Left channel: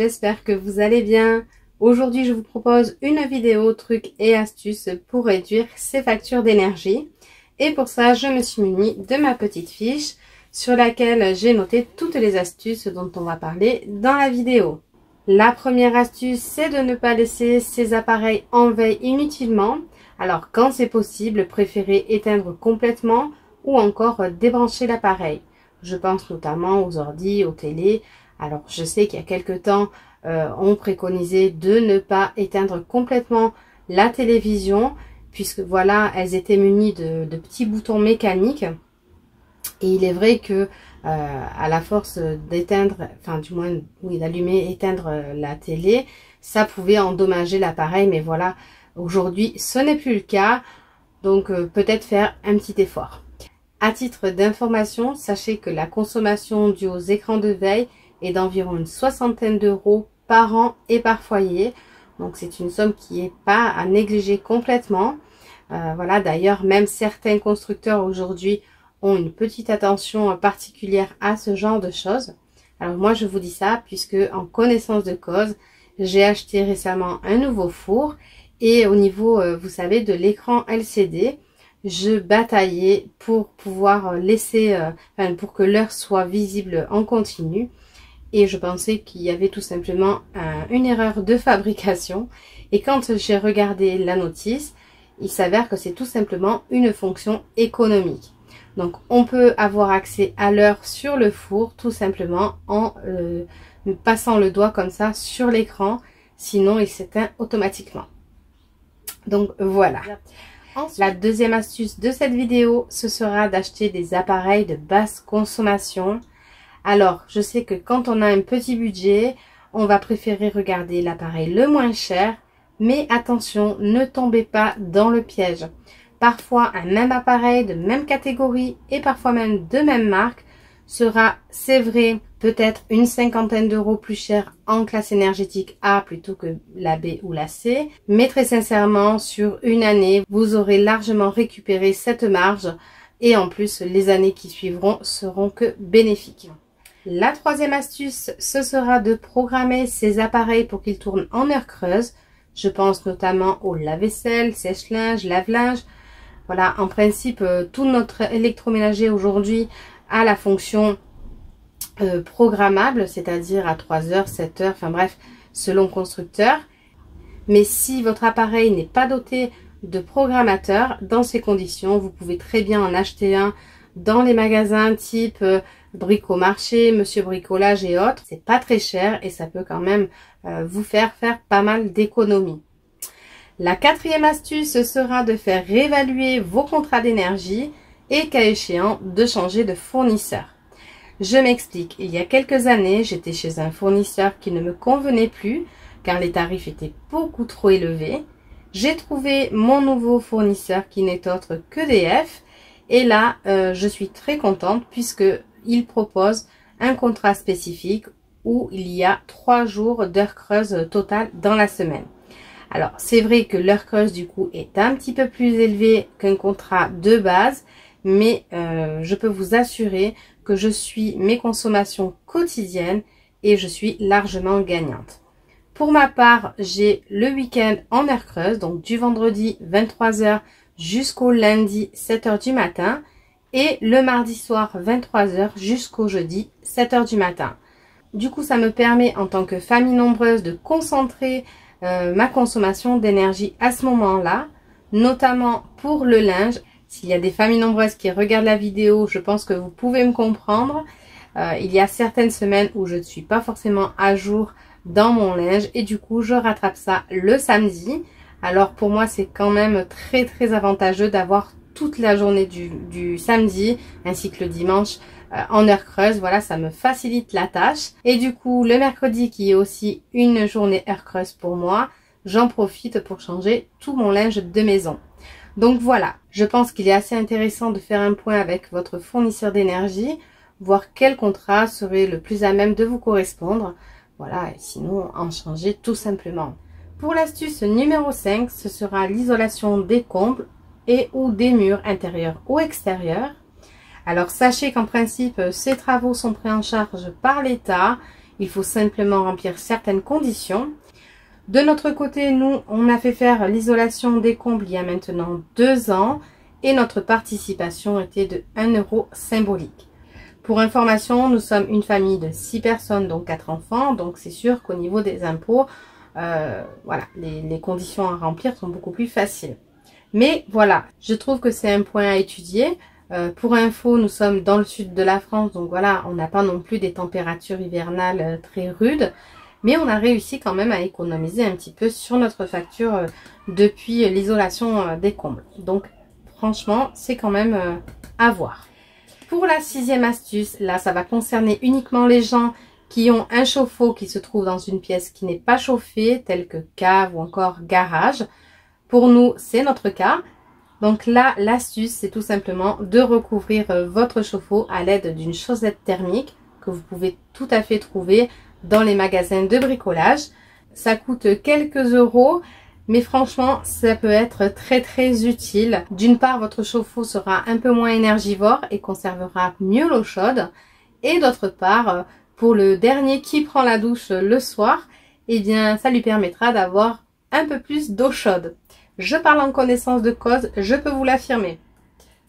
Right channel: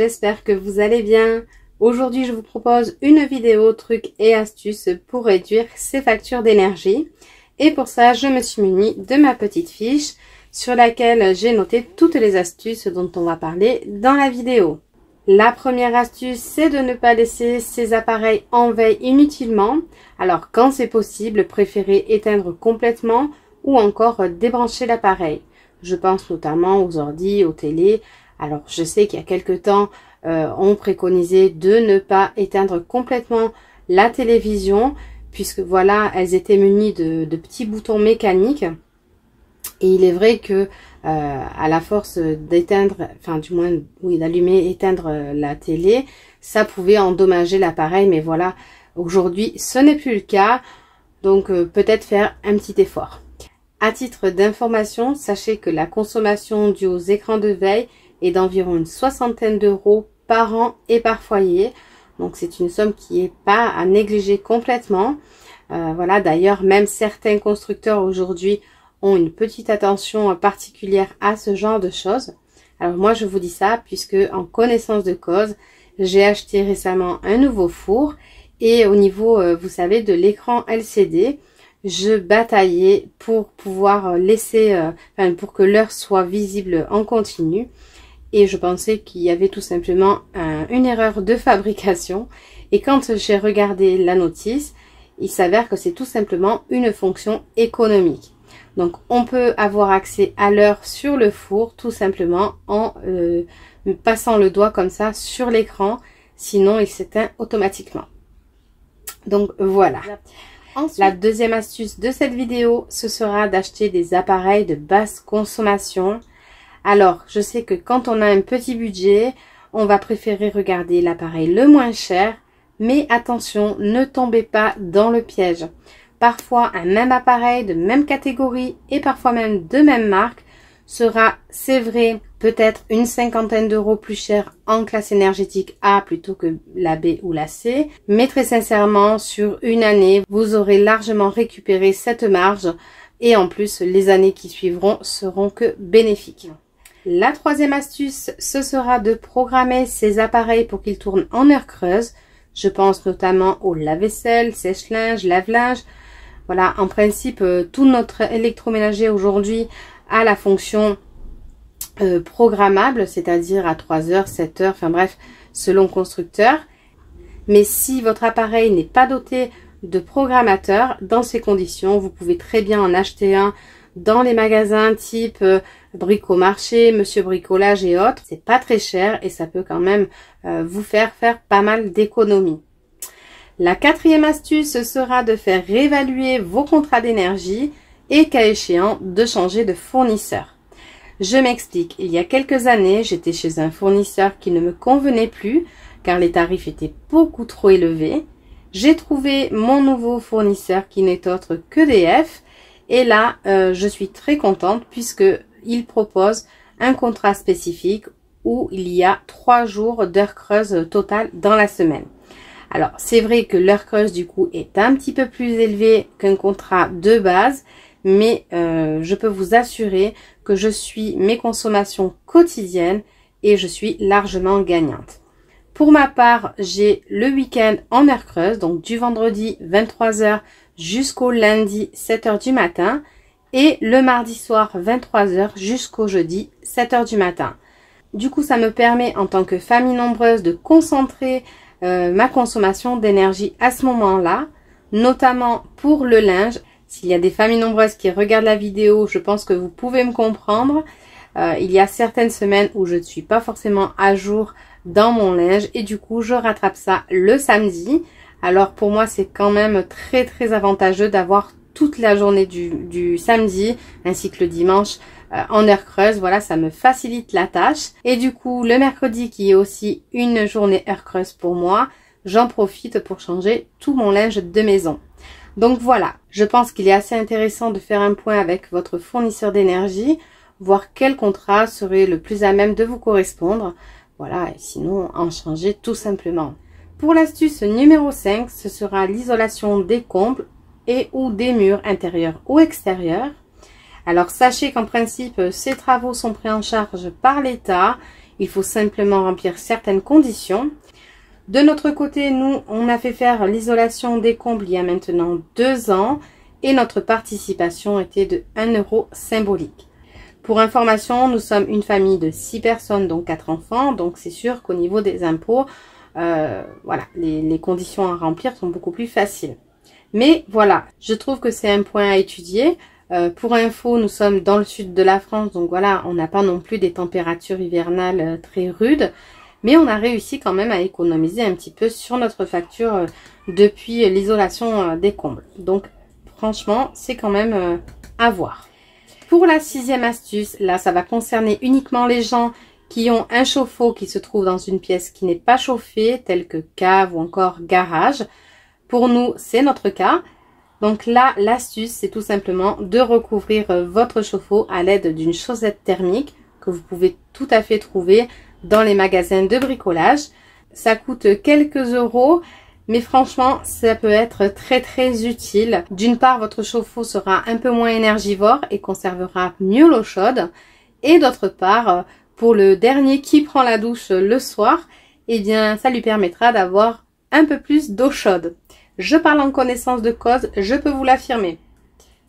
j'espère que vous allez bien. Aujourd'hui, je vous propose une vidéo trucs et astuces pour réduire ses factures d'énergie. Et pour ça, je me suis munie de ma petite fiche sur laquelle j'ai noté toutes les astuces dont on va parler dans la vidéo. La première astuce, c'est de ne pas laisser ces appareils en veille inutilement. Alors, quand c'est possible, préférez éteindre complètement ou encore débrancher l'appareil. Je pense notamment aux ordi, aux télés. Alors, je sais qu'il y a quelque temps, on préconisait de ne pas éteindre complètement la télévision, puisque voilà, elles étaient munies de petits boutons mécaniques. Et il est vrai que à la force d'éteindre, enfin du moins, oui, d'allumer, éteindre la télé, ça pouvait endommager l'appareil. Mais voilà, aujourd'hui, ce n'est plus le cas. Donc, peut-être faire un petit effort. À titre d'information, sachez que la consommation due aux écrans de veille est d'environ une soixantaine d'euros par an et par foyer. Donc c'est une somme qui n'est pas à négliger complètement. Voilà, d'ailleurs, même certains constructeurs aujourd'hui ont une petite attention particulière à ce genre de choses. Alors moi, je vous dis ça puisque en connaissance de cause, j'ai acheté récemment un nouveau four. Et au niveau, vous savez, de l'écran LCD, je bataillais pour pouvoir laisser, pour que l'heure soit visible en continu. Et je pensais qu'il y avait tout simplement une erreur de fabrication. Et quand j'ai regardé la notice, il s'avère que c'est tout simplement une fonction économique. Donc on peut avoir accès à l'heure sur le four tout simplement en passant le doigt comme ça sur l'écran. Sinon il s'éteint automatiquement. Donc voilà. Ensuite, la deuxième astuce de cette vidéo, ce sera d'acheter des appareils de basse consommation. Alors, je sais que quand on a un petit budget, on va préférer regarder l'appareil le moins cher. Mais attention, ne tombez pas dans le piège. Parfois, un même appareil de même catégorie et parfois même de même marque sera, c'est vrai, peut-être une cinquantaine d'euros plus cher en classe énergétique A plutôt que la B ou la C. Mais très sincèrement, sur une année, vous aurez largement récupéré cette marge et en plus, les années qui suivront seront que bénéfiques. La troisième astuce, ce sera de programmer ces appareils pour qu'ils tournent en heure creuse. Je pense notamment au lave-vaisselle, sèche-linge, lave-linge. Voilà, en principe, tout notre électroménager aujourd'hui a la fonction programmable, c'est-à-dire à 3 heures, 7 heures, enfin bref, selon constructeur. Mais si votre appareil n'est pas doté de programmateur, dans ces conditions, vous pouvez très bien en acheter un dans les magasins type Bricomarché, Monsieur Bricolage et autres. C'est pas très cher et ça peut quand même vous faire pas mal d'économies. La quatrième astuce sera de faire réévaluer vos contrats d'énergie et, cas échéant, de changer de fournisseur. Je m'explique. Il y a quelques années, j'étais chez un fournisseur qui ne me convenait plus car les tarifs étaient beaucoup trop élevés. J'ai trouvé mon nouveau fournisseur qui n'est autre qu'EDF et là, je suis très contente puisque il propose un contrat spécifique où il y a 3 jours d'heures creuses totales dans la semaine. Alors, c'est vrai que l'heure creuse, du coup, est un petit peu plus élevée qu'un contrat de base, mais je peux vous assurer que je suis mes consommations quotidiennes et je suis largement gagnante. Pour ma part, j'ai le week-end en heure creuse, donc du vendredi 23 h jusqu'au lundi 7 h du matin et le mardi soir 23 h jusqu'au jeudi 7 h du matin. Du coup, ça me permet en tant que famille nombreuse de concentrer ma consommation d'énergie à ce moment-là, notamment pour le linge. S'il y a des familles nombreuses qui regardent la vidéo, je pense que vous pouvez me comprendre. Il y a certaines semaines où je ne suis pas forcément à jour dans mon linge et du coup, je rattrape ça le samedi. Alors pour moi, c'est quand même très avantageux d'avoir toute la journée du samedi ainsi que le dimanche en heure creuse. Voilà, ça me facilite la tâche. Et du coup, le mercredi qui est aussi une journée heure creuse pour moi, j'en profite pour changer tout mon linge de maison. Donc voilà, je pense qu'il est assez intéressant de faire un point avec votre fournisseur d'énergie, voir quel contrat serait le plus à même de vous correspondre. Voilà, et sinon en changer tout simplement. Pour l'astuce numéro 5, ce sera l'isolation des combles et ou des murs intérieurs ou extérieurs. Alors sachez qu'en principe, ces travaux sont pris en charge par l'État. Il faut simplement remplir certaines conditions. De notre côté, nous, on a fait faire l'isolation des combles il y a maintenant 2 ans et notre participation était de 1 € symbolique. Pour information, nous sommes une famille de 6 personnes, donc 4 enfants. Donc c'est sûr qu'au niveau des impôts, voilà, les conditions à remplir sont beaucoup plus faciles. Mais voilà, je trouve que c'est un point à étudier. Pour info, nous sommes dans le sud de la France, donc voilà, on n'a pas non plus des températures hivernales très rudes. Mais on a réussi quand même à économiser un petit peu sur notre facture depuis l'isolation des combles. Donc franchement, c'est quand même à voir. Pour la 6e astuce, là, ça va concerner uniquement les gens qui ont un chauffe-eau qui se trouve dans une pièce qui n'est pas chauffée, telle que cave ou encore garage. Pour nous, c'est notre cas. Donc là, l'astuce, c'est tout simplement de recouvrir votre chauffe-eau à l'aide d'une chaussette thermique que vous pouvez tout à fait trouver dans les magasins de bricolage. Ça coûte quelques euros. Mais franchement, ça peut être très utile. D'une part, votre chauffe-eau sera un peu moins énergivore et conservera mieux l'eau chaude. Et d'autre part, pour le dernier qui prend la douche le soir, eh bien, ça lui permettra d'avoir un peu plus d'eau chaude. Je parle en connaissance de cause, je peux vous l'affirmer.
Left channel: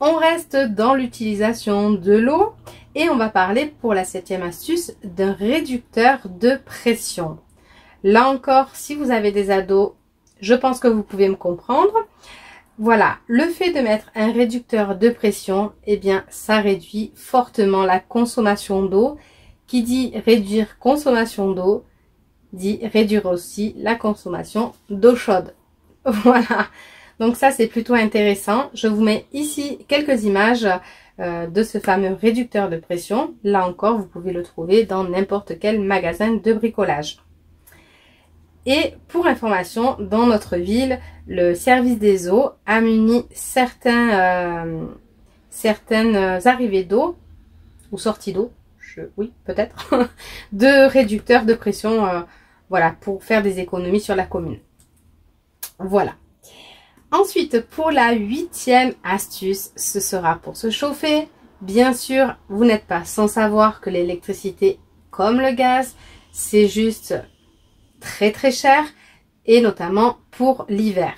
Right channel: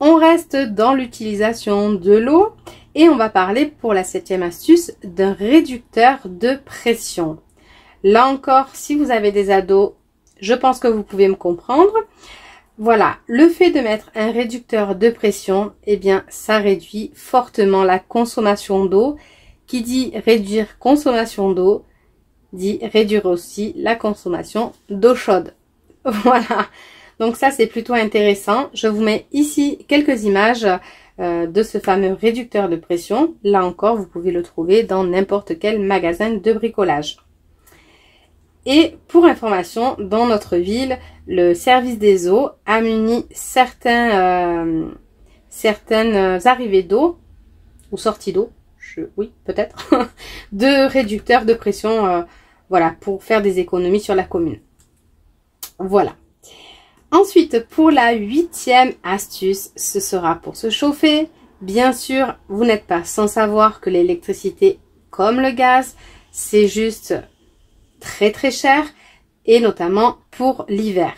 On reste dans l'utilisation de l'eau et on va parler pour la 7e astuce d'un réducteur de pression. Là encore, si vous avez des ados, je pense que vous pouvez me comprendre. Voilà, le fait de mettre un réducteur de pression, eh bien, ça réduit fortement la consommation d'eau. Qui dit réduire consommation d'eau, dit réduire aussi la consommation d'eau chaude. Voilà, donc ça c'est plutôt intéressant. Je vous mets ici quelques images de ce fameux réducteur de pression. Là encore, vous pouvez le trouver dans n'importe quel magasin de bricolage. Et pour information, dans notre ville, le service des eaux a muni certaines arrivées d'eau ou sorties d'eau, oui peut-être, de réducteurs de pression, voilà, pour faire des économies sur la commune. Voilà. Ensuite, pour la 8e astuce, ce sera pour se chauffer. Bien sûr, vous n'êtes pas sans savoir que l'électricité, comme le gaz, c'est juste très cher et notamment pour l'hiver.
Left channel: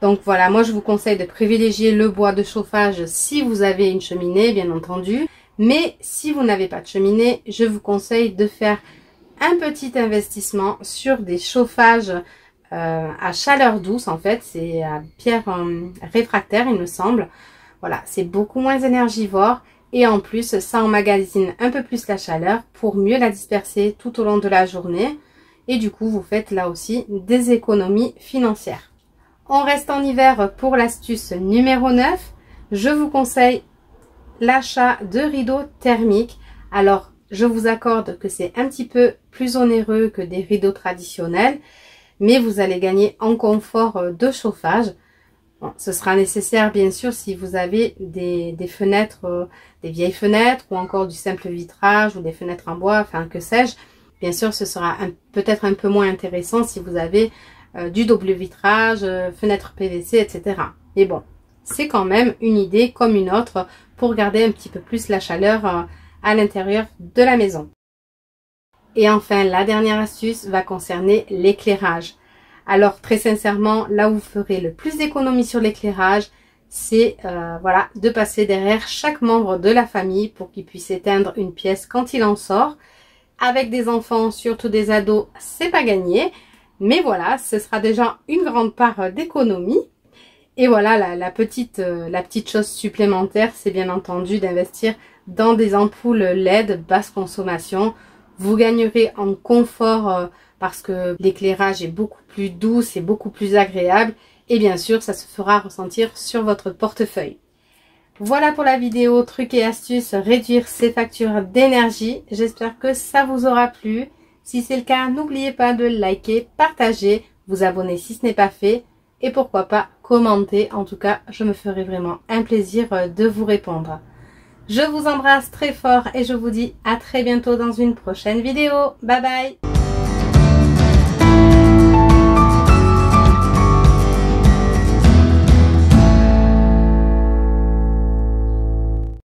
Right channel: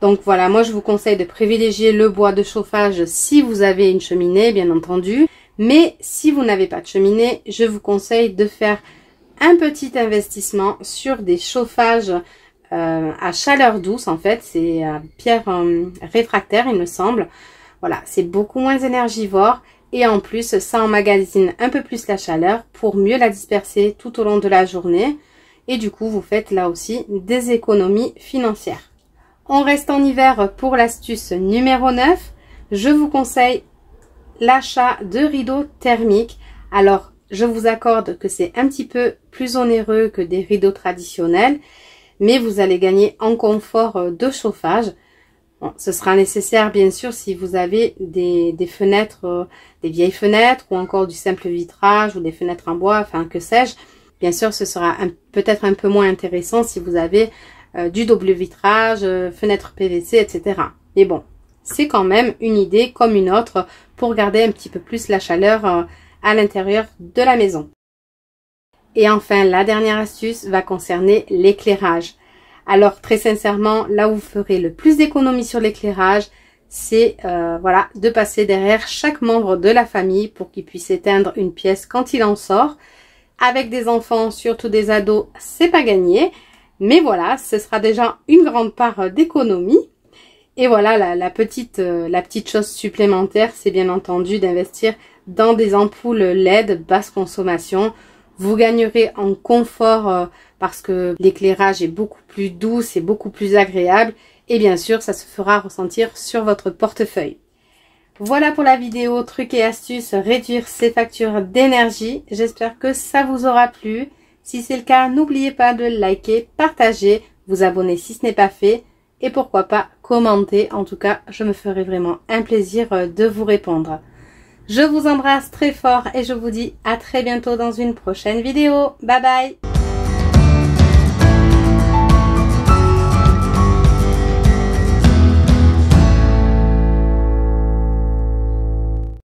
Donc voilà, moi je vous conseille de privilégier le bois de chauffage si vous avez une cheminée, bien entendu. Mais si vous n'avez pas de cheminée, je vous conseille de faire un petit investissement sur des chauffages à chaleur douce. En fait, c'est à pierre réfractaire, il me semble. Voilà, c'est beaucoup moins énergivore et en plus, ça emmagasine un peu plus la chaleur pour mieux la disperser tout au long de la journée. Et du coup, vous faites là aussi des économies financières. On reste en hiver pour l'astuce numéro 9. Je vous conseille l'achat de rideaux thermiques. Alors, je vous accorde que c'est un petit peu plus onéreux que des rideaux traditionnels, mais vous allez gagner en confort de chauffage. Bon, ce sera nécessaire bien sûr si vous avez des fenêtres, des vieilles fenêtres ou encore du simple vitrage ou des fenêtres en bois, enfin que sais-je. Bien sûr, ce sera peut-être un peu moins intéressant si vous avez du double vitrage, fenêtre PVC, etc. Mais bon, c'est quand même une idée comme une autre pour garder un petit peu plus la chaleur à l'intérieur de la maison. Et enfin, la dernière astuce va concerner l'éclairage. Alors, très sincèrement, là où vous ferez le plus d'économies sur l'éclairage, c'est voilà, de passer derrière chaque membre de la famille pour qu'il puisse éteindre une pièce quand il en sort. Avec des enfants, surtout des ados, c'est pas gagné. Mais voilà, ce sera déjà une grande part d'économie. Et voilà, la petite chose supplémentaire, c'est bien entendu d'investir dans des ampoules LED basse consommation. Vous gagnerez en confort parce que l'éclairage est beaucoup plus doux, c'est beaucoup plus agréable. Et bien sûr, ça se fera ressentir sur votre portefeuille. Voilà pour la vidéo trucs et astuces, réduire ses factures d'énergie. J'espère que ça vous aura plu. Si c'est le cas, n'oubliez pas de liker, partager, vous abonner si ce n'est pas fait. Et pourquoi pas commenter. En tout cas, je me ferai vraiment un plaisir de vous répondre. Je vous embrasse très fort et je vous dis à très bientôt dans une prochaine vidéo. Bye bye!